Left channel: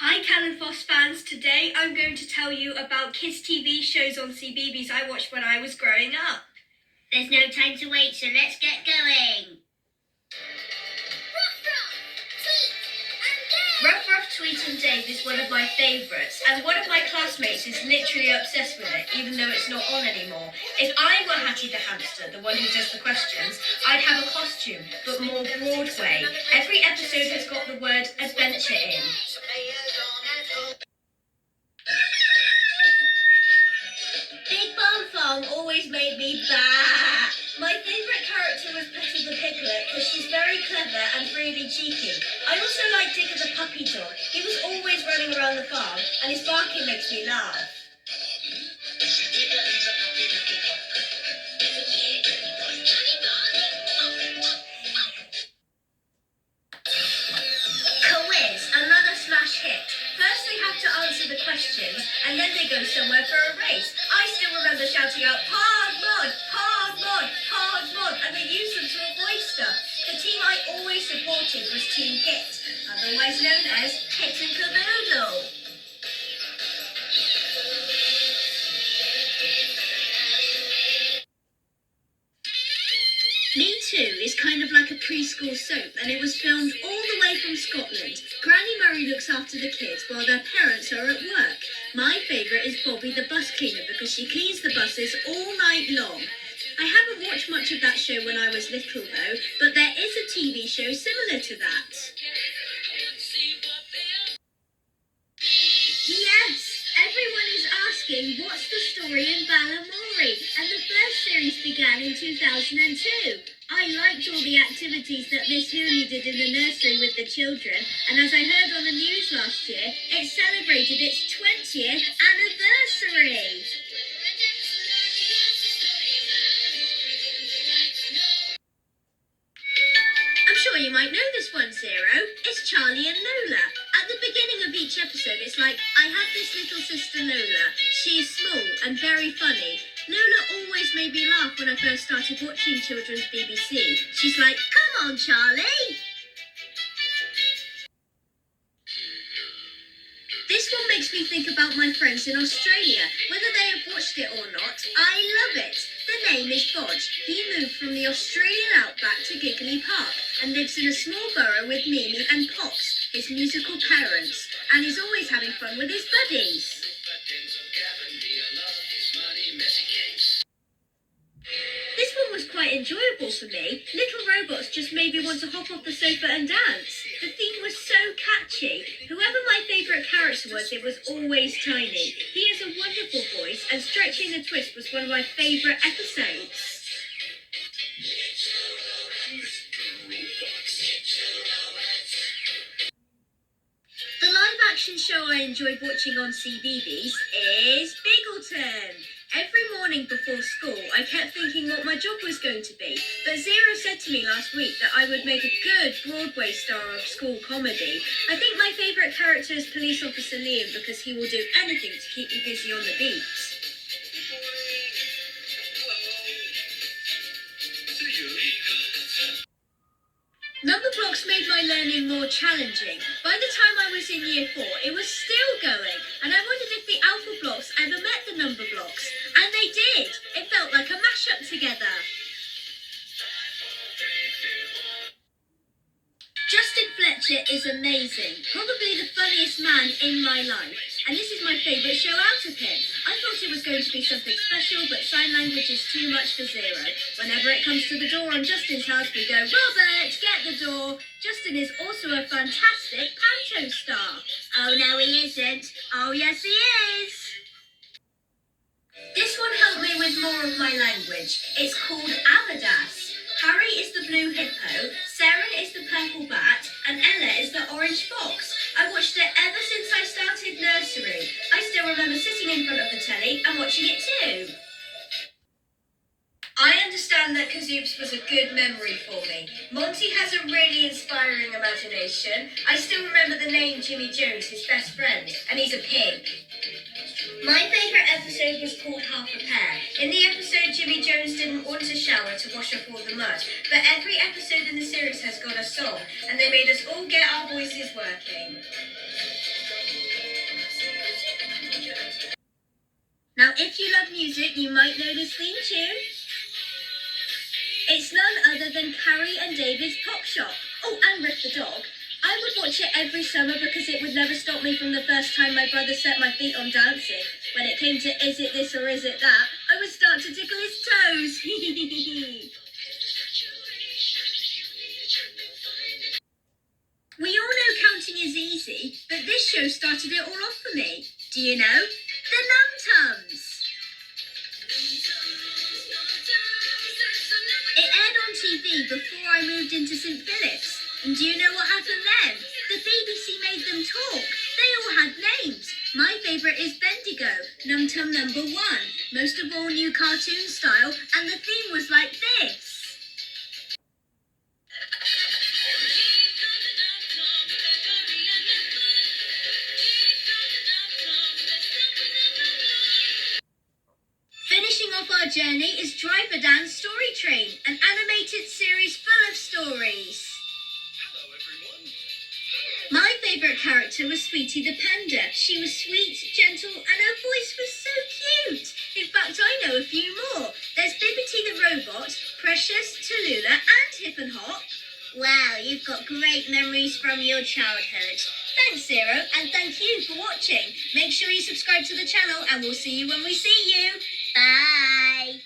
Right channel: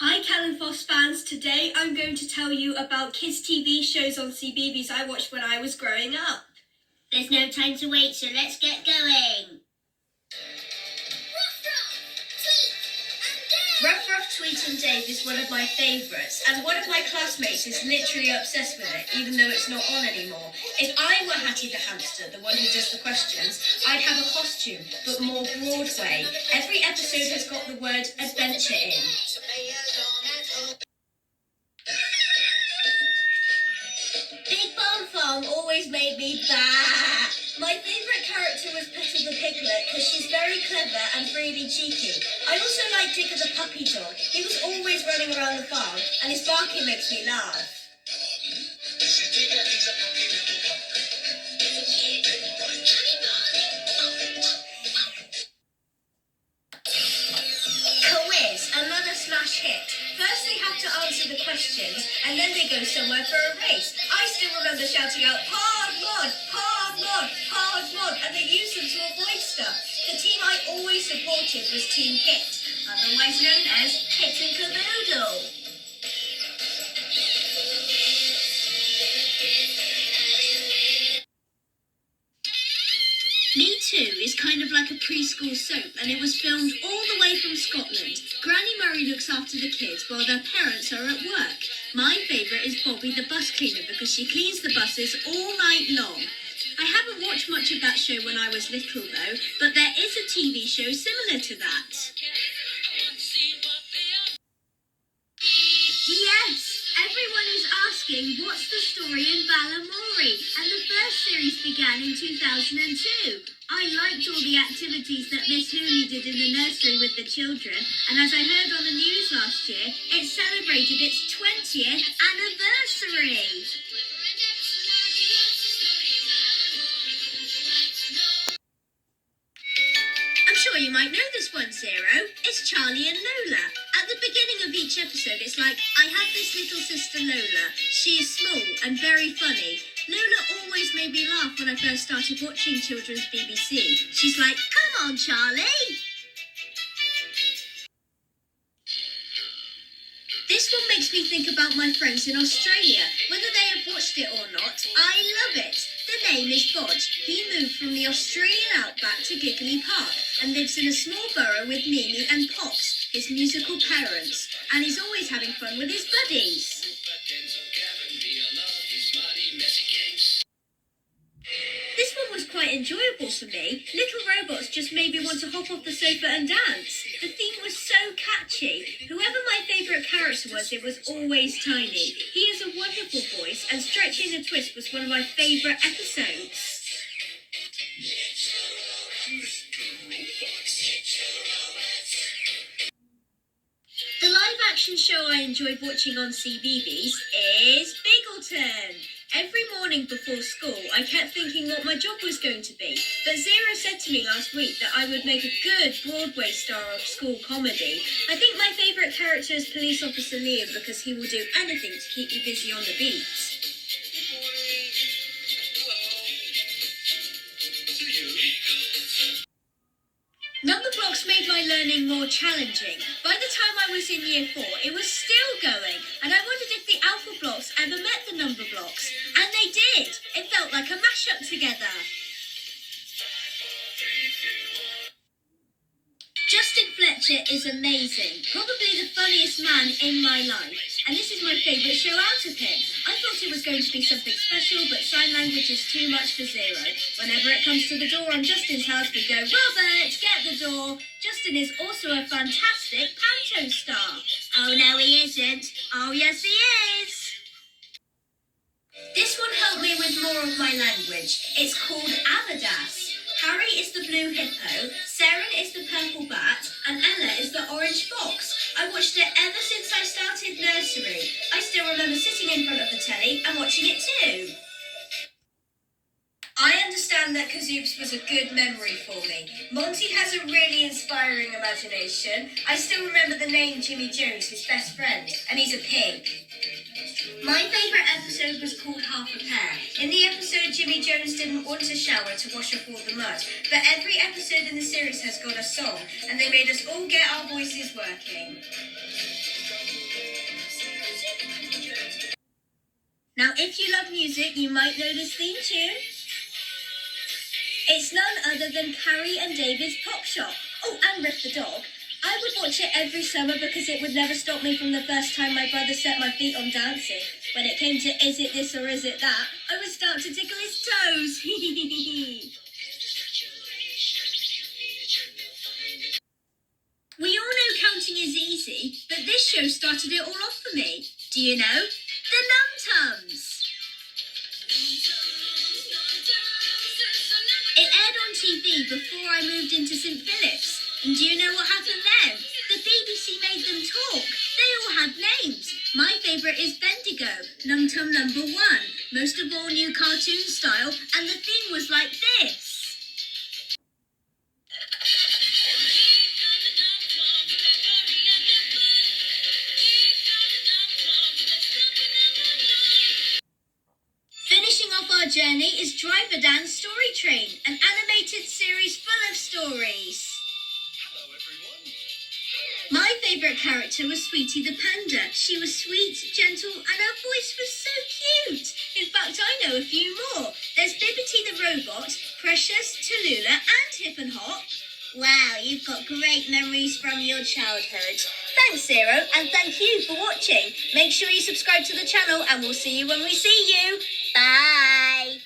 Hi CalenFosse fans, today I'm going to tell you about kids TV shows on CBeebies I watched when I was growing up. There's no time to wait, so let's get going. Ruff-Ruff, Tweet and Dave is one of my favourites, and one of my classmates is literally obsessed with it, even though it's not on anymore. If I were Hattie the hamster, the one who does the questions, I'd have a costume, but more Broadway. Every episode has got the word adventure in. Big Barn Farm always made me bah. My favourite character was Petter the Piglet because she's very clever and really cheeky. I also like Digger the puppy dog. He was always running around the farm and his barking makes me laugh. Quiz, another smash hit. First they have to answer the questions and then they go somewhere for a race. I still remember shouting out, hard mod, hard mod, hard mod, and they used them to avoid stuff. The team I always supported was Team Kit, otherwise known as Kit and Caboodle. Me Too is kind of like a preschool soap, and it was filmed all the way from Scotland. Granny Murray looks after the kids while their parents are at work. My favourite is Bobby the bus cleaner because she cleans the buses all night long. I haven't watched much of that show when I was little though, but there is a TV show similar to that. Yes, everyone is asking what's the story in Balamori, and the first series began in 2002. I liked all the activities that Miss Lulu did in the nursery with the children, and as I heard on the news last year, it celebrated its 20th anniversary. I'm sure you might know this one, Zero. It's Charlie and Lola. At the beginning of each episode, it's like, I have this little sister Lola. She is small and very funny. Lola always made me laugh when I first started watching children's BBC. She's like, come on, Charlie. This one makes me think about my friends in Australia. Whether they have watched it or not, I love it. The name is Bodge. He moved from the Australian outback to Giggly Park and lives in a small burrow with Mimi and Pops, his musical parents, and he's always having fun with his buddies. This one was quite enjoyable for me. Little robots just made me want to hop off the sofa and dance. The theme was so catchy. Whoever my favourite character was, it was always Tiny. He has a wonderful voice, and Stretching the Twist was one of my favourite episodes. The live-action show I enjoyed watching on CBeebies is Bigleton. Every morning before school, I kept thinking what my job was going to be, but Zero said to me last week that I would make a good Broadway star of school comedy. I think my favourite character is Police Officer Liam because he will do anything to keep you busy on the beat. Number blocks made my learning more challenging. By the time I was in year 4, it was still going, and I wondered if the alpha blocks ever met the number blocks. And they did. It felt like a mashup together. Justin Fletcher is amazing, probably the funniest man in my life, and this is my favourite show out of him. I thought it was going to be something special, but sign language is too much for Zero. Whenever it comes to the door on Justin's house, we go, Robert, get the door. Justin is also a fantastic panto star. Oh no, he isn't. Oh yes, he is. This one helped me with more of my language. It's called Amadas. Harry is the blue hippo, Saren is the purple bat, and Ella is the orange fox. I watched it ever since I started nursery. I still remember sitting in front of the telly and watching it too. I understand that Kazoops was a good memory for me. Monty has a really inspiring imagination. I still remember the name Jimmy Jones, his best friend, and he's a pig. My favourite episode was called Half a Pear. In the episode, Jimmy Jones didn't want to shower to wash off all the mud, but every episode in the series has got a song, and they made us all get our voices working. music, you might know this theme tune. It's none other than Carrie and David's Pop Shop. Oh, and Ruff the dog. I would watch it every summer because it would never stop me from the first time my brother set my feet on dancing. When it came to is it this or is it that, I would start to tickle his toes. We all know counting is easy, but this show started it all off for me. Do you know? The Num Tums. It aired on TV before I moved into St Philip's. And do you know what happened then? The BBC made them talk. They all had names. My favourite is Bendigo, Num Tum number 1. Most of all new cartoon style, and the theme was like this. Finishing off our journey is Driver Dan's Story Train, an animated series full of stories. Hello, everyone. My favourite character was Sweetie the Panda. She was sweet, gentle, and her voice was so cute. In fact, I know a few more. There's Bibbity the Robot, Precious, Tallulah, and Hip and Hop. Wow, you've got great memories from your childhood. Thanks, Zero, and thank you for watching. Make sure you subscribe to the channel, and we'll see you when we see you. Bye.